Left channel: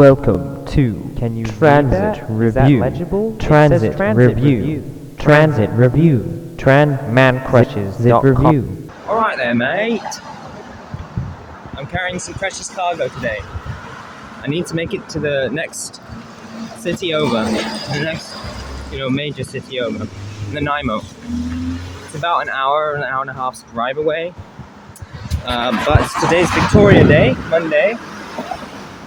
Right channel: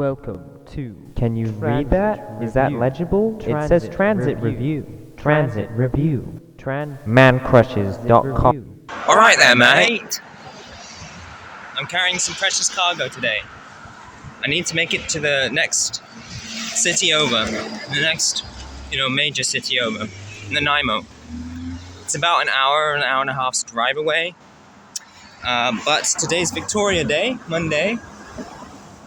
Welcome to Can you Transit read that? Review. Is that legible? Transit It says transit Review. Transit review. Man crushes Review. Alright there, mate. I'm carrying some precious cargo today. I need to make it to the next city over. The next, major city over. Nanaimo. It's about an hour and a half's drive away. But today's Victoria Day, Monday,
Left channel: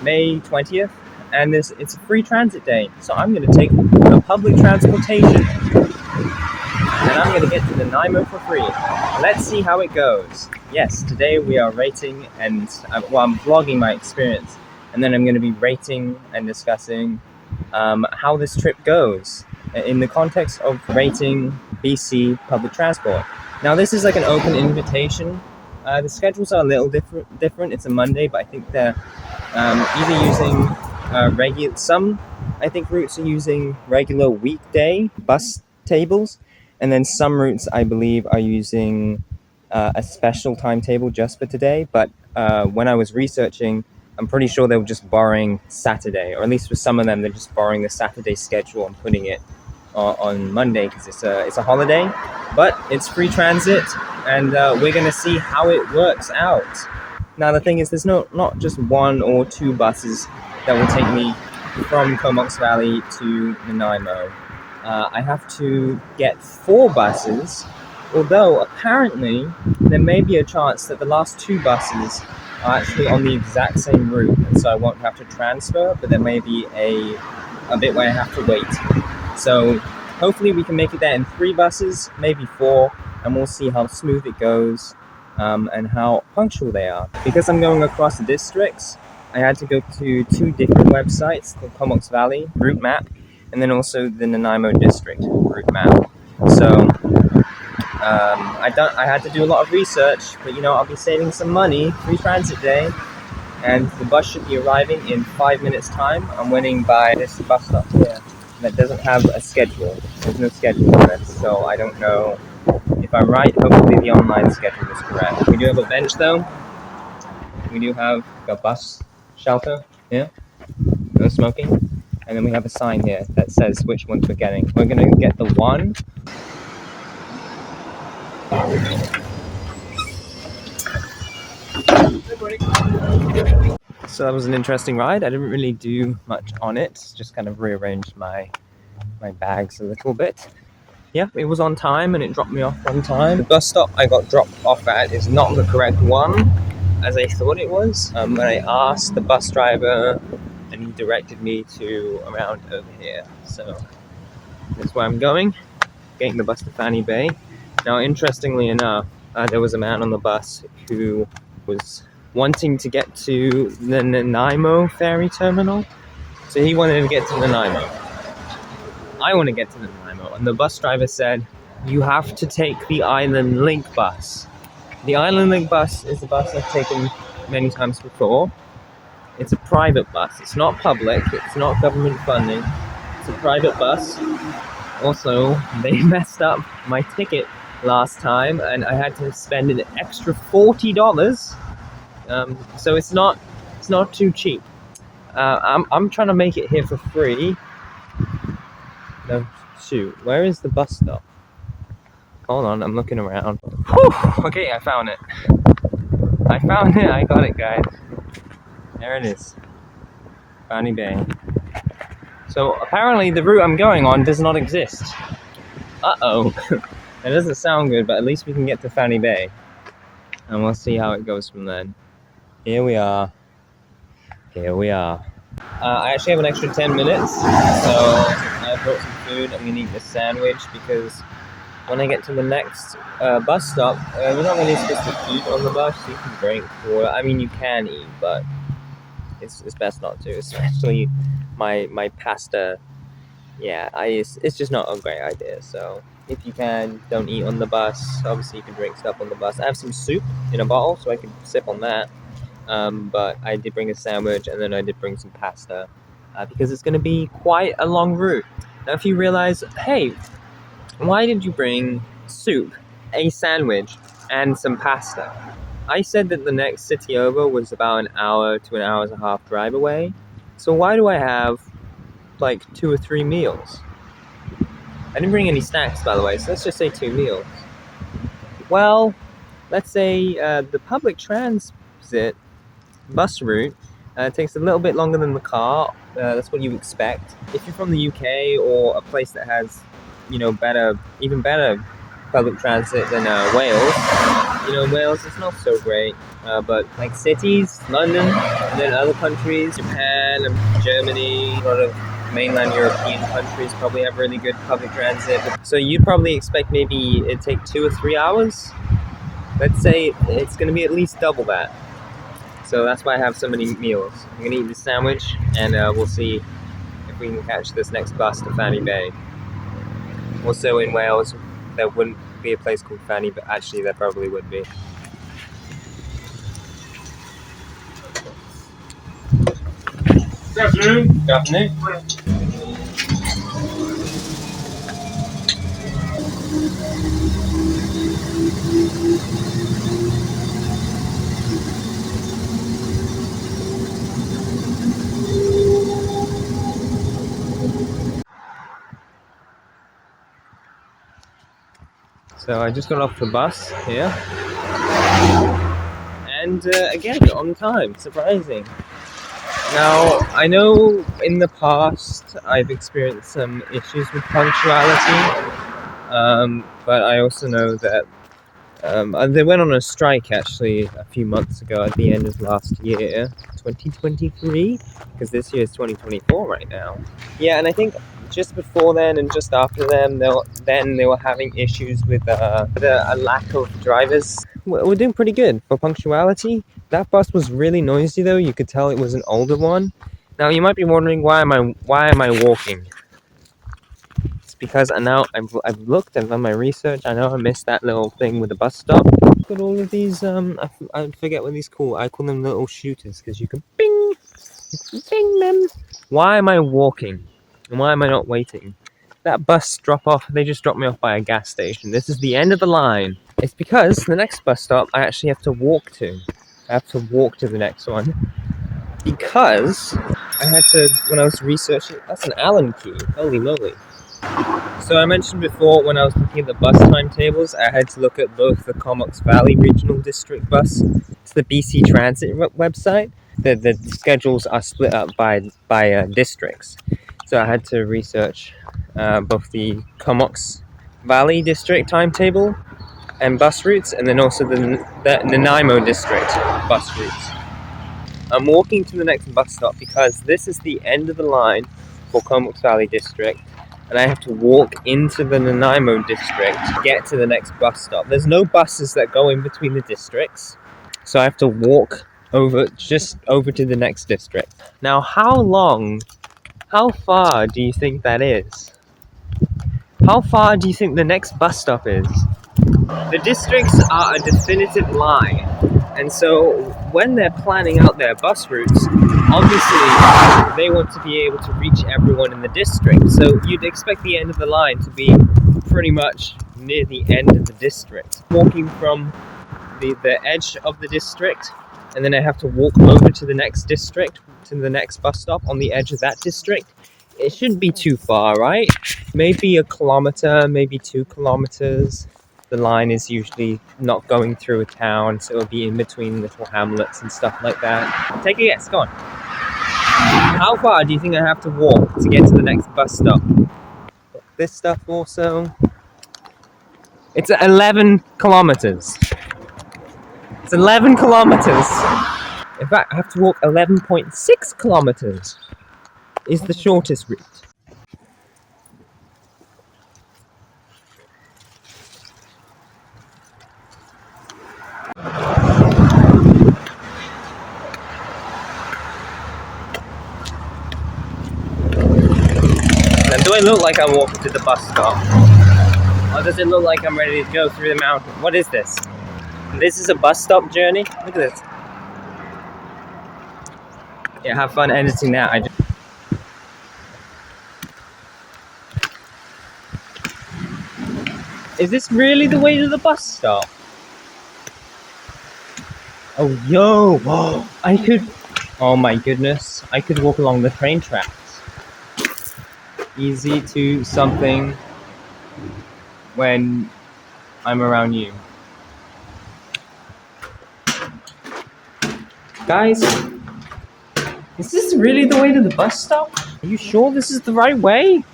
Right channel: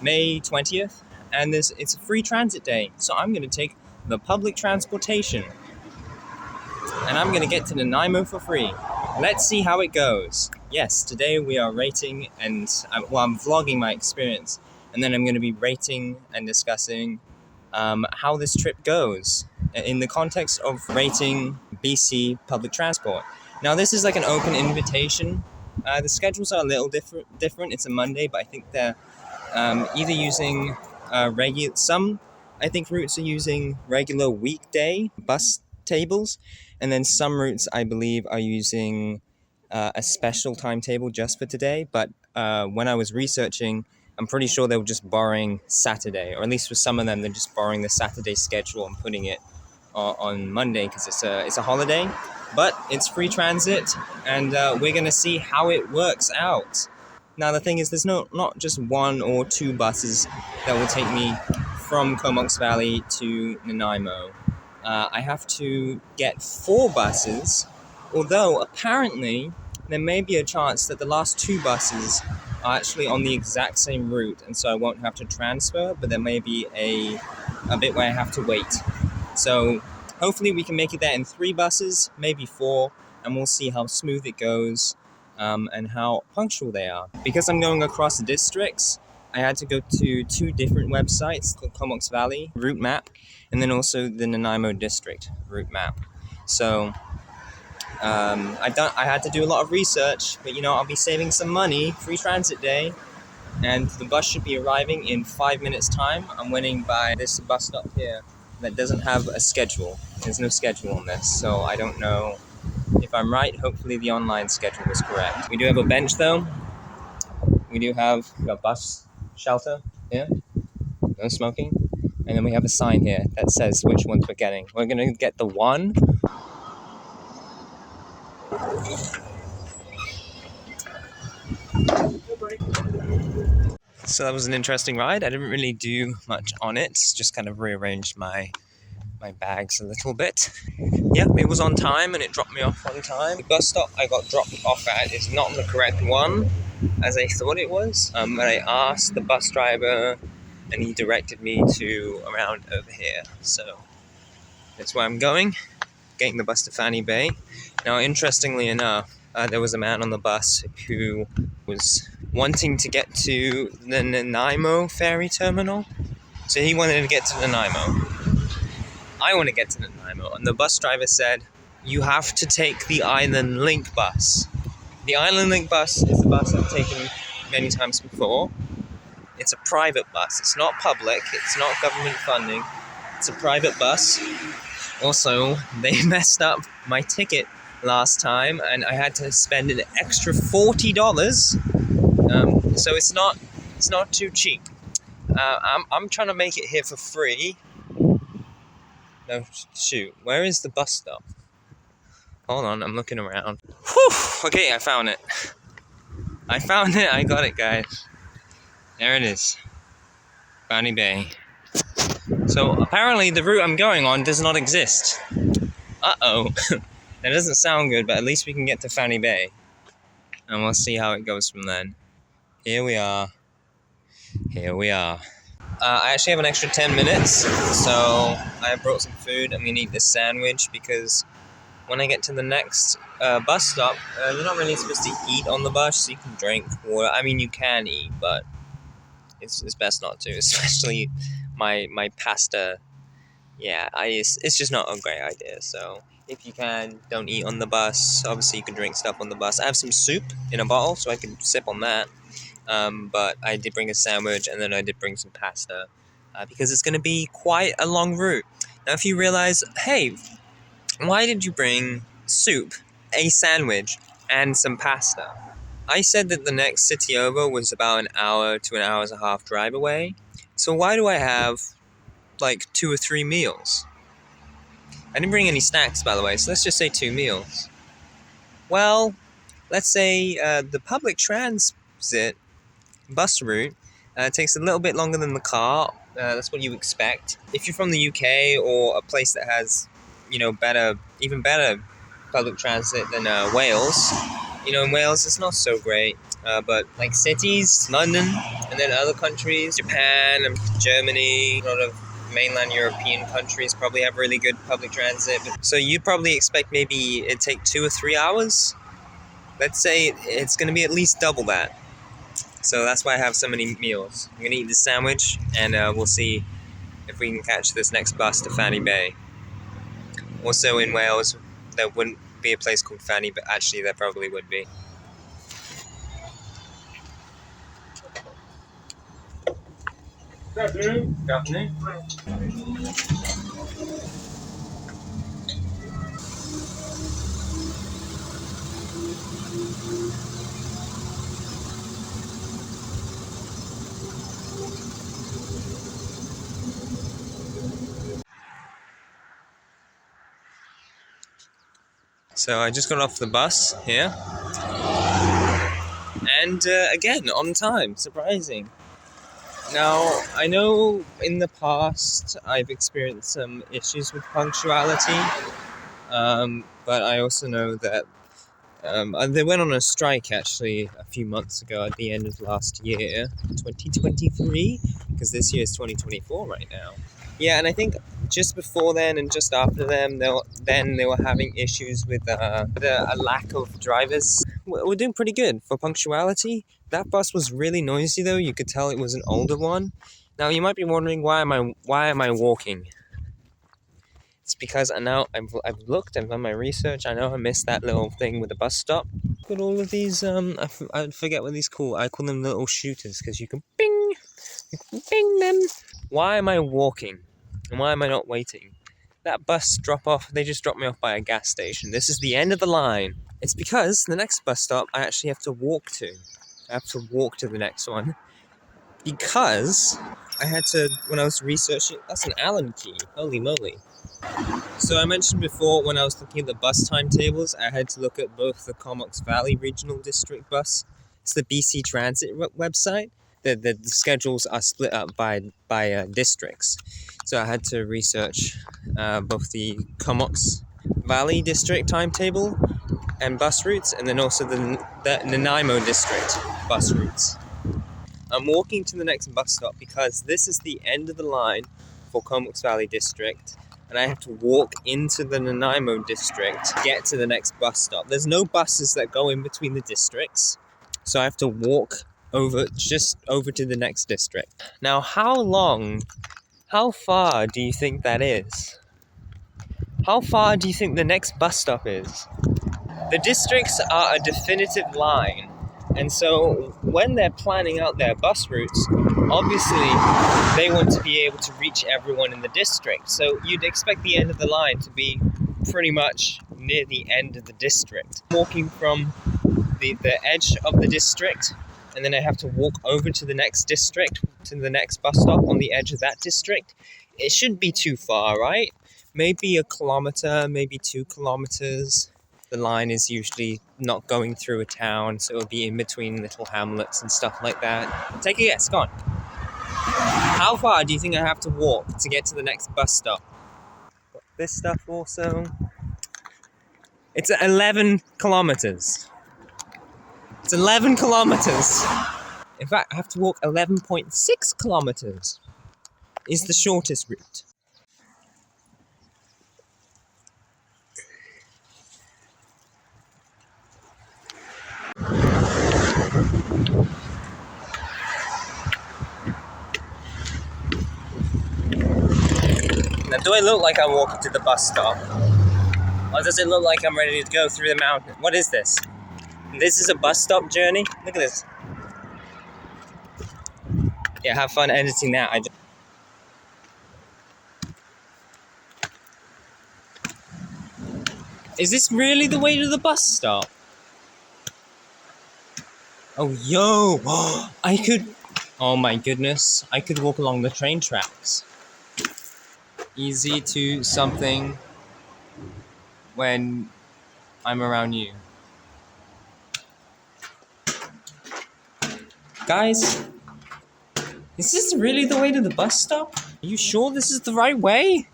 May 20th. And it's a free transit day. So I'm going to take the public transportation. And I'm going to get to Nanaimo for free. Let's see how it goes. Yes, today we are rating and, I'm vlogging my experience. And then I'm going to be rating and discussing how this trip goes in the context of rating BC public transport. Now this is like an open invitation. The schedules are a little different. It's a Monday, but I think they're either using some I think routes are using regular weekday bus tables, and then some routes I believe are using a special timetable just for today. But when I was researching, I'm pretty sure they were just borrowing Saturday, or at least for some of them they're just borrowing the Saturday schedule and putting it on Monday because it's a holiday. But it's free transit, and we're gonna see how it works out. Now the thing is, there's not just one or two buses that will take me from Comox Valley to Nanaimo. I have to get 4 buses, although apparently there may be a chance that the last 2 buses are actually on the exact same route, and so I won't have to transfer, but there may be a bit where I have to wait. So hopefully we can make it there in 3 buses, maybe 4, and we'll see how smooth it goes. And how punctual they are. Because I'm going across districts, I had to go to 2 different websites called Comox Valley route map, and then also the Nanaimo district route map. So I had to do a lot of research, but I'll be saving some money. Free transit day, and the bus should be arriving in 5 minutes time. I'm waiting by this bus stop here that doesn't have a schedule. There's no schedule on this, so I don't know. If I'm right, hopefully the online schedule is correct. We do have a bench though. We do have a bus shelter here. No smoking. And then we have a sign here that says which ones we're getting. We're gonna get the 1. So that was an interesting ride. I didn't really do much on it. Just kind of rearranged my bags a little bit. Yeah, it was on time and it dropped me off on time. The bus stop I got dropped off at is not the correct one, as I thought it was. When I asked the bus driver, and he directed me to around over here. So that's where I'm going, getting the bus to Fanny Bay. Now, interestingly enough, there was a man on the bus who was wanting to get to the Nanaimo ferry terminal. So he wanted to get to Nanaimo. I want to get to Nanaimo, and the bus driver said, you have to take the Island Link bus. The Island Link bus is the bus I've taken many times before. It's a private bus. It's not public. It's not government funding. It's a private bus. Also, they messed up my ticket last time, and I had to spend an extra $40. So it's not too cheap. I'm trying to make it here for free. No, shoot. Where is the bus stop? Hold on, I'm looking around. Whew! Okay, I found it. I got it, guys. There it is. Fanny Bay. So, apparently the route I'm going on does not exist. Uh-oh. That doesn't sound good, but at least we can get to Fanny Bay. And we'll see how it goes from then. Here we are. I actually have an extra 10 minutes, so I brought some food. I'm gonna eat this sandwich because when I get to the next bus stop, you're not really supposed to eat on the bus, so you can drink water. I mean, you can eat, but it's best not to, especially my pasta. Yeah, it's just not a great idea, so if you can, don't eat on the bus. Obviously, you can drink stuff on the bus. I have some soup in a bottle, so I can sip on that. But I did bring a sandwich, and then I did bring some pasta because it's going to be quite a long route. Now, if you realize, hey, why did you bring soup, a sandwich, and some pasta? I said that the next city over was about an hour to an hour and a half drive away, So why do I have like 2 or 3 meals? I didn't bring any snacks, by the way, so let's just say 2 meals. Well, let's say the public transit bus route takes a little bit longer than the car. That's what you expect. If you're from the UK or a place that has, even better public transit than Wales, in Wales it's not so great. But like cities, London, and then other countries, Japan and Germany, a lot of mainland European countries probably have really good public transit. So you'd probably expect maybe it'd take 2 or 3 hours. Let's say it's going to be at least double that. So that's why I have so many meals. I'm going to eat this sandwich, and we'll see if we can catch this next bus to Fanny Bay. Also in Wales, there wouldn't be a place called Fanny, but actually there probably would be. Good afternoon. Good afternoon. So I just got off the bus here, and again on time, surprising. Now, I know in the past I've experienced some issues with punctuality, but I also know that they went on a strike actually a few months ago at the end of last year, 2023, because this year is 2024 right now. Yeah, and I think just before then and just after them, they were having issues with a lack of drivers. We're doing pretty good for punctuality. That bus was really noisy though. You could tell it was an older one. Now you might be wondering why am I walking? It's because I've looked, I've done my research. I know I missed that little thing with the bus stop. Look at all of these. I forget what these call. I call them little shooters because you can bing them. Why am I walking? And why am I not waiting? That bus they just dropped me off by a gas station. This is the end of the line. It's because the next bus stop I actually have to walk to. I have to walk to the next one. Because I had to, when I was researching, that's an Allen key. Holy moly. So I mentioned before when I was looking at the bus timetables, I had to look at both the Comox Valley Regional District bus. It's the BC Transit website. The schedules are split up by districts. So I had to research both the Comox Valley District timetable and bus routes, and then also the Nanaimo District bus routes. I'm walking to the next bus stop because this is the end of the line for Comox Valley District, and I have to walk into the Nanaimo District to get to the next bus stop. There's no buses that go in between the districts, so I have to walk over to the next district. Now, how far do you think that is? How far do you think the next bus stop is? The districts are a definitive line, and so when they're planning out their bus routes, obviously they want to be able to reach everyone in the district. So you'd expect the end of the line to be pretty much near the end of the district. Walking from the edge of the district, and then I have to walk over to the next district, to the next bus stop on the edge of that district. It shouldn't be too far, right? Maybe a kilometer, maybe 2 kilometers. The line is usually not going through a town, so it'll be in between little hamlets and stuff like that. Take a guess, go on. How far do you think I have to walk to get to the next bus stop? This stuff also. It's 11 kilometers. It's 11 kilometers. In fact, I have to walk 11.6 kilometers. Is the shortest route. Now, do I look like I'm walking to the bus stop? Or does it look like I'm ready to go through the mountain? What is this? This is a bus stop journey? Look at this. Yeah, have fun editing that. Is this really the way to the bus stop? Oh, yo! Oh my goodness, I could walk along the train tracks. Easy to something when I'm around you. Guys, is this really the way to the bus stop? Are you sure this is the right way?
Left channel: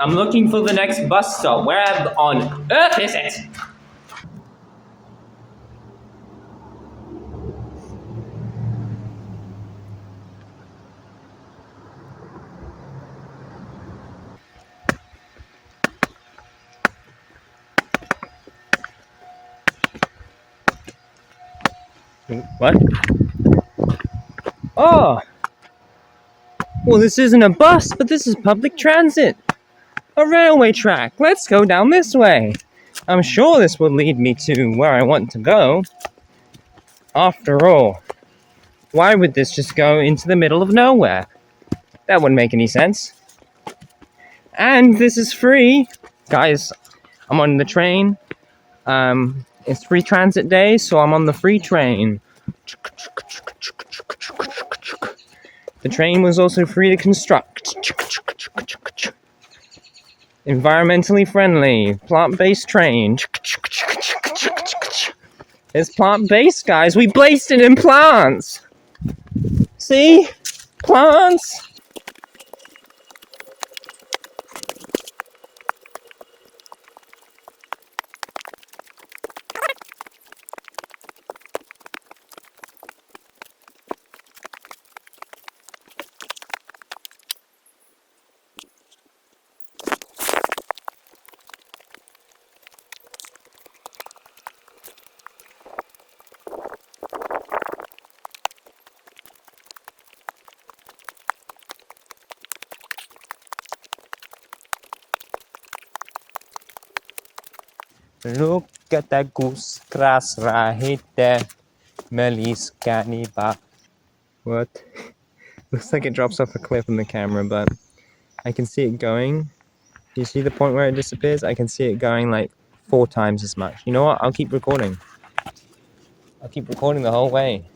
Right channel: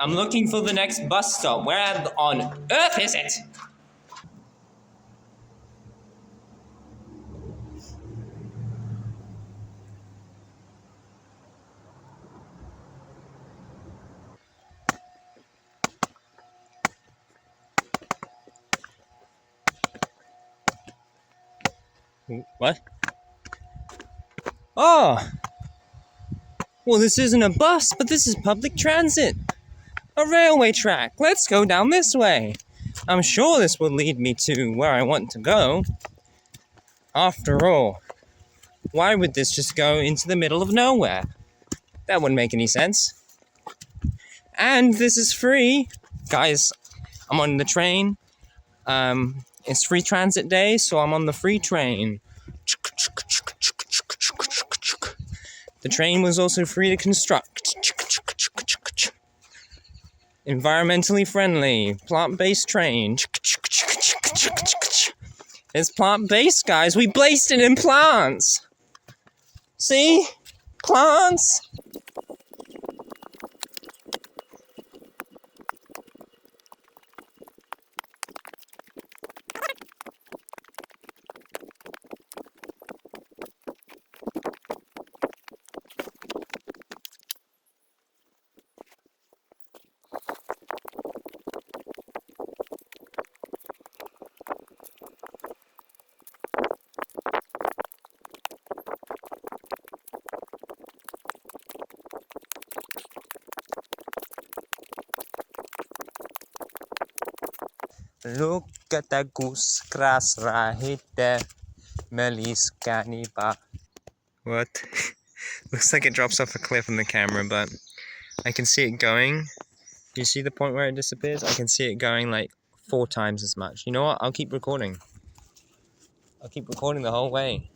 I'm looking for the next bus stop. Where on earth is it? What? Oh! Well, this isn't a bus, but this is public transit. A railway track. Let's go down this way. I'm sure this will lead me to where I want to go. After all, why would this just go into the middle of nowhere? That wouldn't make any sense. And this is free. Guys, I'm on the train. It's free transit day, so I'm on the free train. The train was also free to construct. Environmentally friendly, plant-based train. It's plant-based, guys. We based it in plants. See? Plants. Look at the goose grass right there. Melis caniba. What? Looks like it drops off a cliff in the camera, but I can see it going. Do you see the point where it disappears? I can see it going like 4 times as much. You know what? I'll keep recording. I'll keep recording the whole way.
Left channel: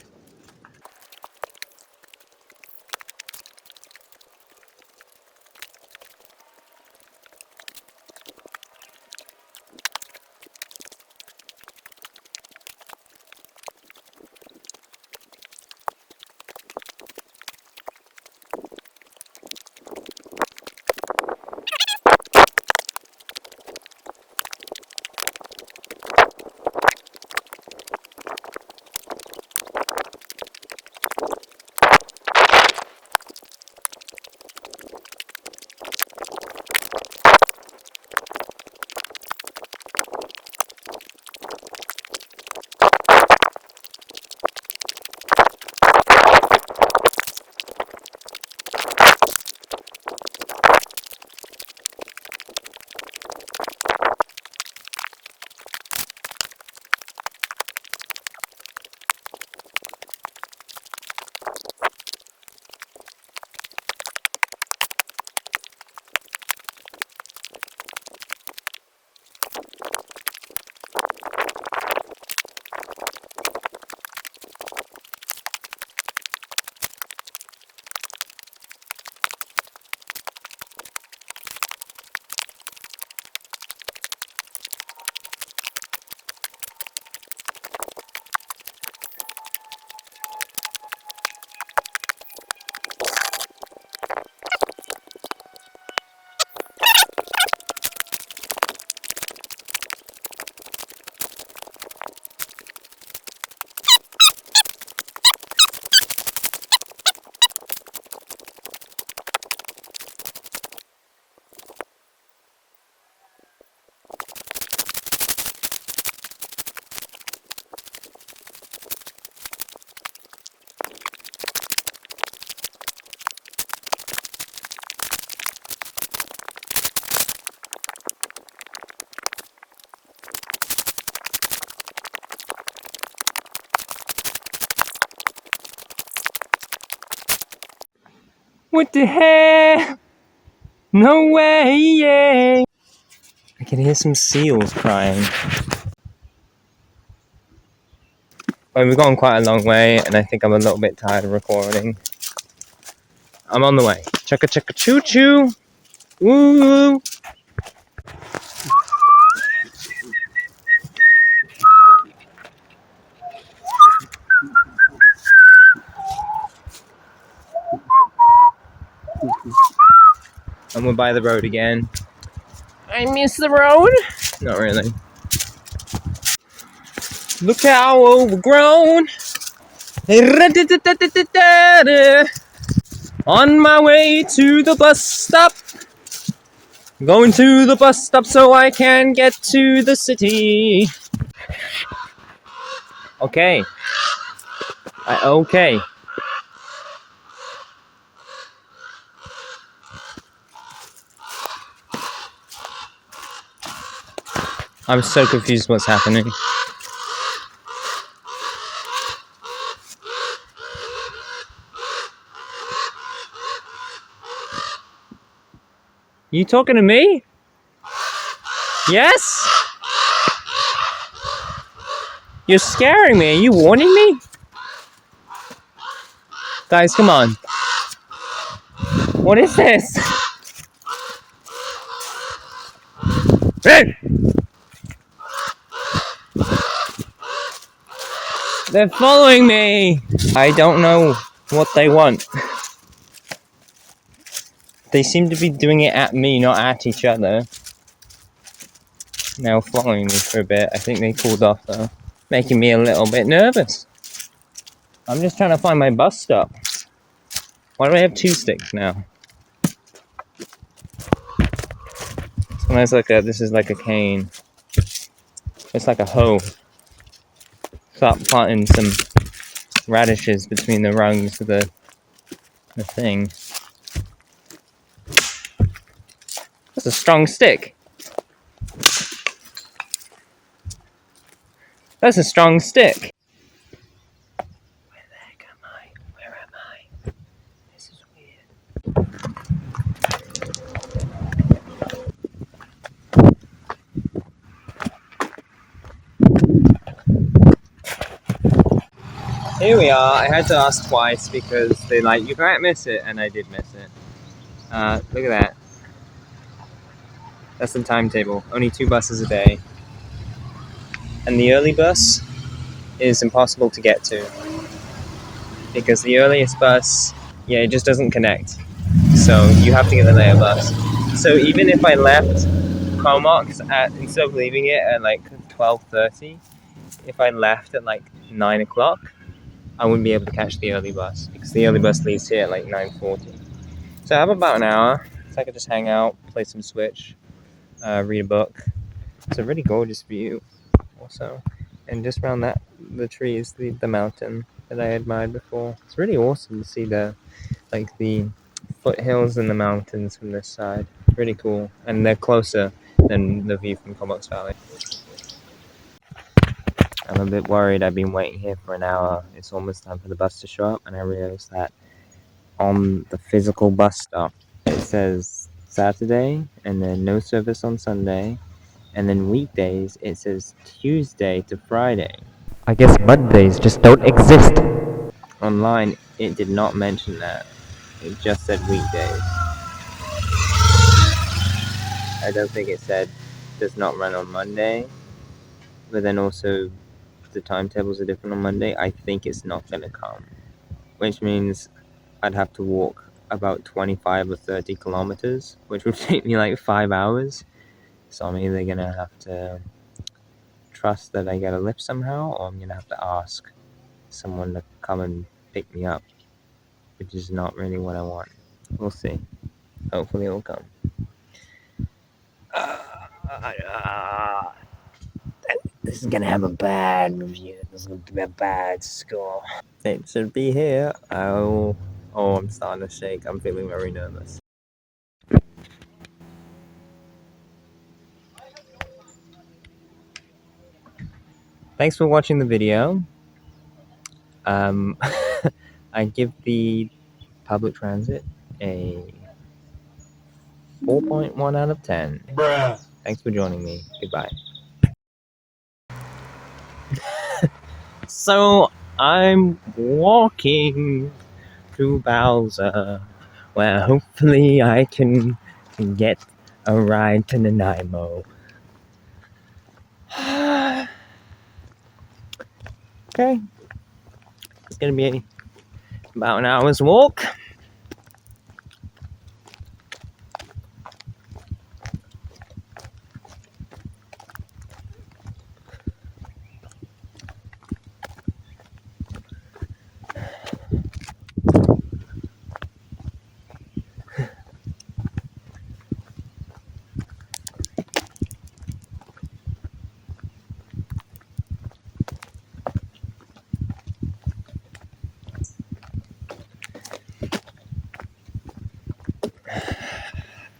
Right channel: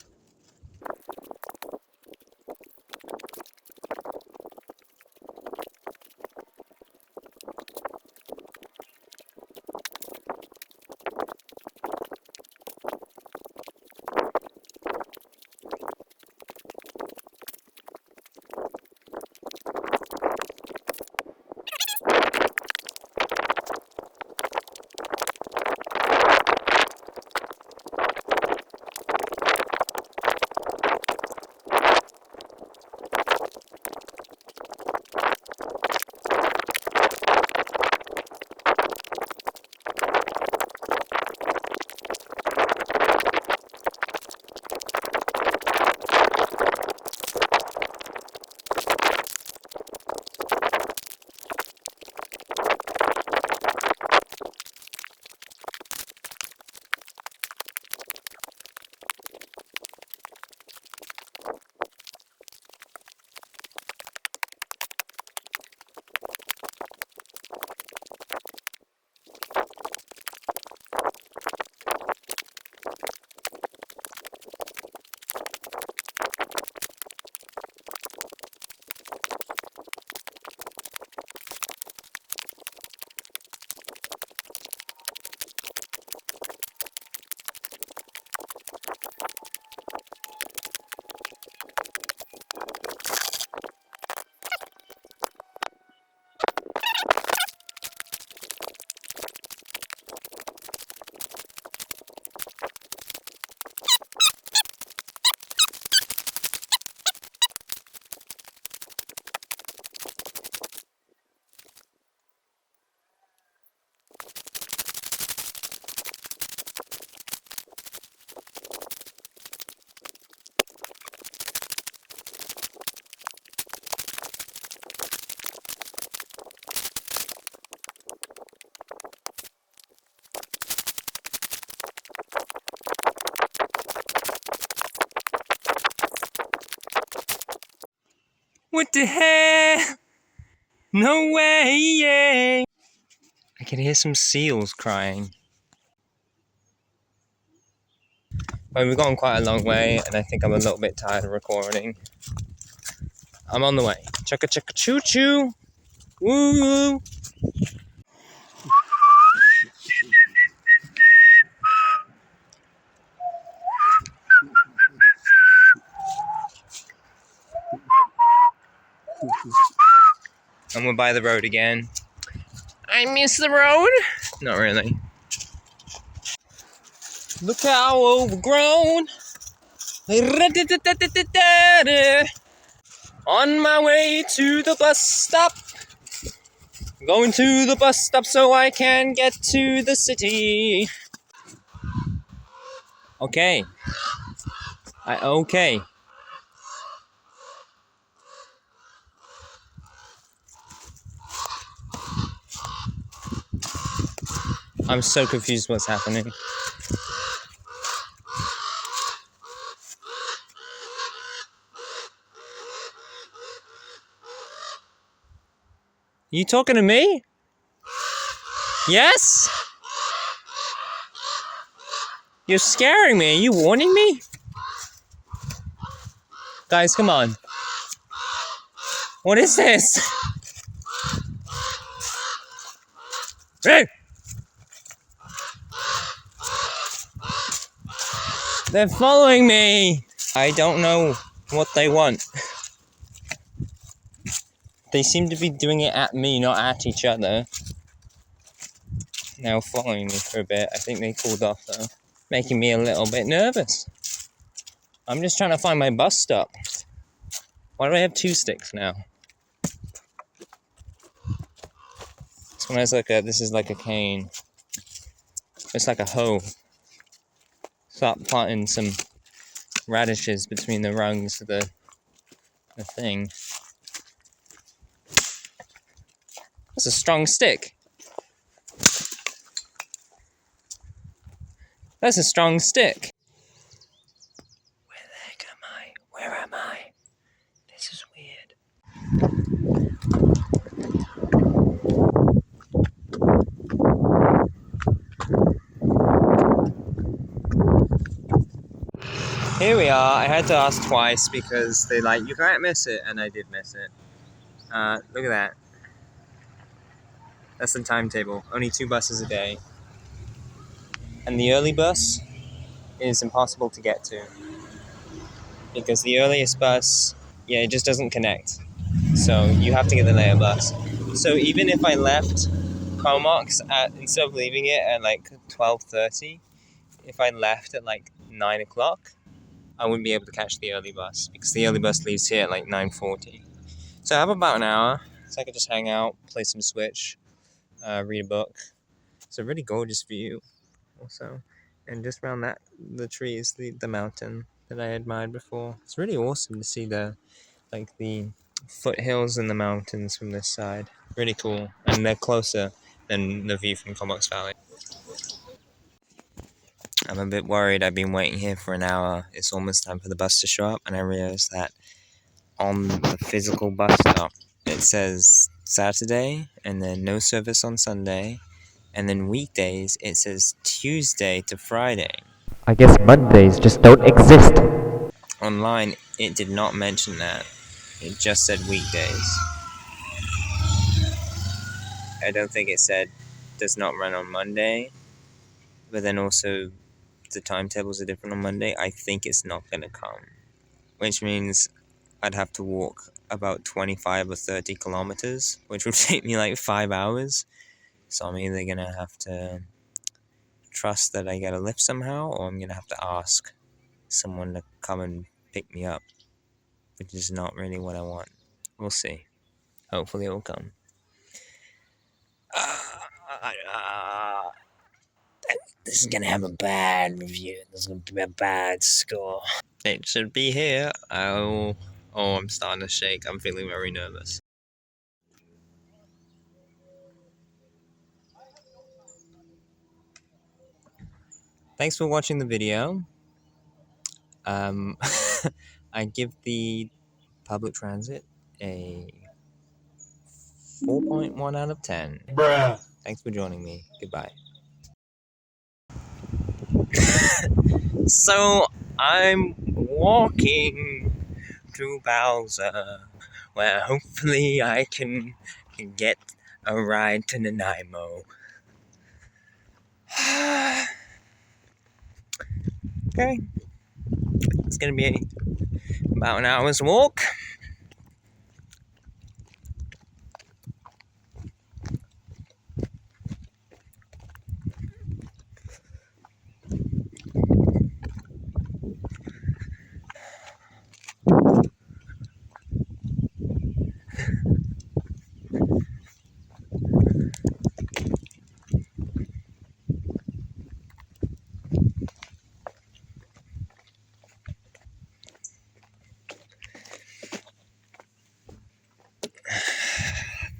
What the hell? No way, yeah. I can hear some seals crying. Well, we've gone quite a long way, and I think I'm a little bit tired of recording. I'm on the way. Chugga chugga choo choo. Woo! And we're by the road again. I miss the road. Not really. Look how overgrown. On my way to the bus stop. Going to the bus stop so I can get to the city. Okay. Okay. I'm so confused what's happening. You talking to me? Yes? You're scaring me. Are you warning me? Guys, come on. What is this? Hey! They're following me. I don't know what they want. They seem to be doing it at me, not at each other. Now following me for a bit. I think they cooled off though. Making me a little bit nervous. I'm just trying to find my bus stop. Why do I have two sticks now? This is like a cane. It's like a hoe. Start planting some radishes between the rungs of the thing. That's a strong stick. That's a strong stick. Where the heck am I? Where am I? This is weird. Here we are. I had to ask twice because they like, you can't miss it, and I did miss it. Look at that. That's the timetable. Only 2 buses a day. And the early bus is impossible to get to. Because the earliest bus, it just doesn't connect. So you have to get the later bus. So even if I left Comox instead of leaving it at like 12:30, if I left at like 9 o'clock, I wouldn't be able to catch the early bus because the early bus leaves here at like 9:40. So I have about an hour, so I could just hang out, play some Switch, read a book. It's a really gorgeous view also. And just around the trees, the mountain that I admired before. It's really awesome to see the foothills and the mountains from this side. Really cool. And they're closer than the view from Comox Valley. I'm a bit worried. I've been waiting here for an hour. It's almost time for the bus to show up, and I realized that on the physical bus stop, it says Saturday, and then no service on Sunday, and then weekdays, it says Tuesday to Friday. I guess Mondays just don't exist. Online, it did not mention that. It just said weekdays. I don't think it said does not run on Monday, but then also the timetables are different on Monday. I think it's not going to come, which means I'd have to walk about 25 or 30 kilometers, which would take me like 5 hours. So I'm either going to have to trust that I get a lift somehow, or I'm going to have to ask someone to come and pick me up, which is not really what I want. We'll see. Hopefully it will come. This is gonna have a bad review. This is gonna be a bad score. It should be here. Oh, I'm starting to shake. I'm feeling very nervous. Thanks for watching the video. I give the public transit a 4.1 out of 10. Bruh. Thanks for joining me. Goodbye. So I'm walking to Bowser, where hopefully I can get a ride to Nanaimo. Okay, it's gonna be about an hour's walk.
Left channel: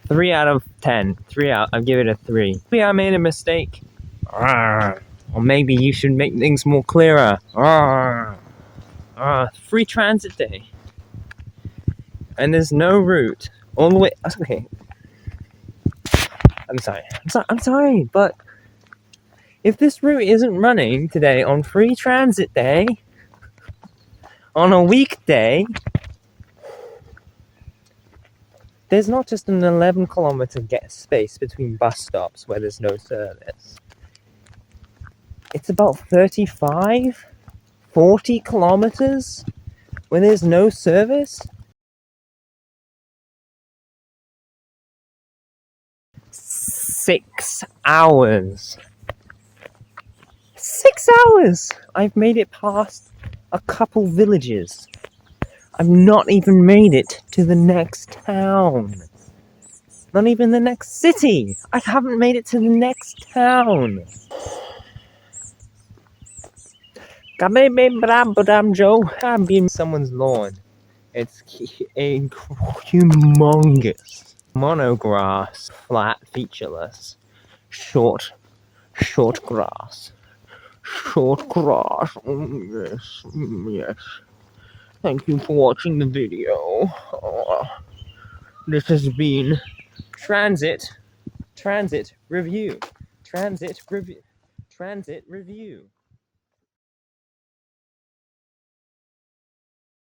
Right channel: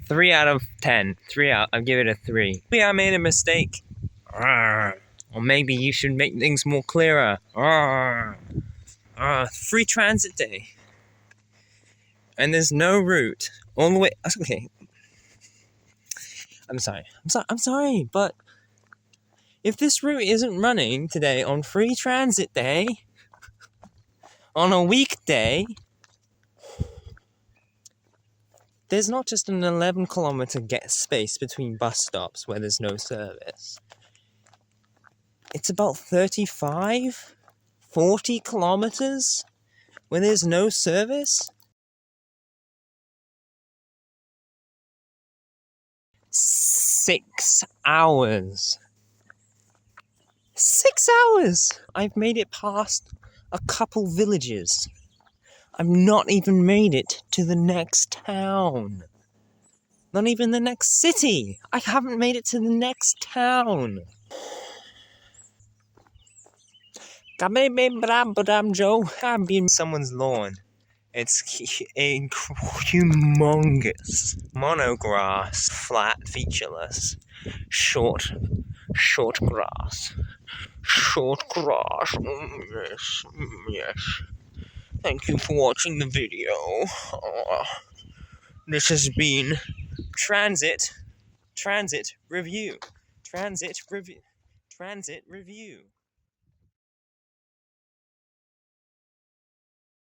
Three out of 10. I'll give it a 3. Maybe I made a mistake. Or maybe you should make things more clearer. Free transit day. And there's no route all the way. Okay. I'm sorry, but if this route isn't running today on free transit day, on a weekday, there's not just an 11-kilometer space between bus stops where there's no service. It's about 35, 40 kilometers where there's no service. 6 hours. 6 hours! I've made it past a couple villages. I've not even made it to the next town. Not even the next city. I haven't made it to the next town. I've been someone's lawn. It's humongous. Monograss, flat, featureless. Short grass. Short grass. Yes. Thank you for watching the video. This has been Transit Review.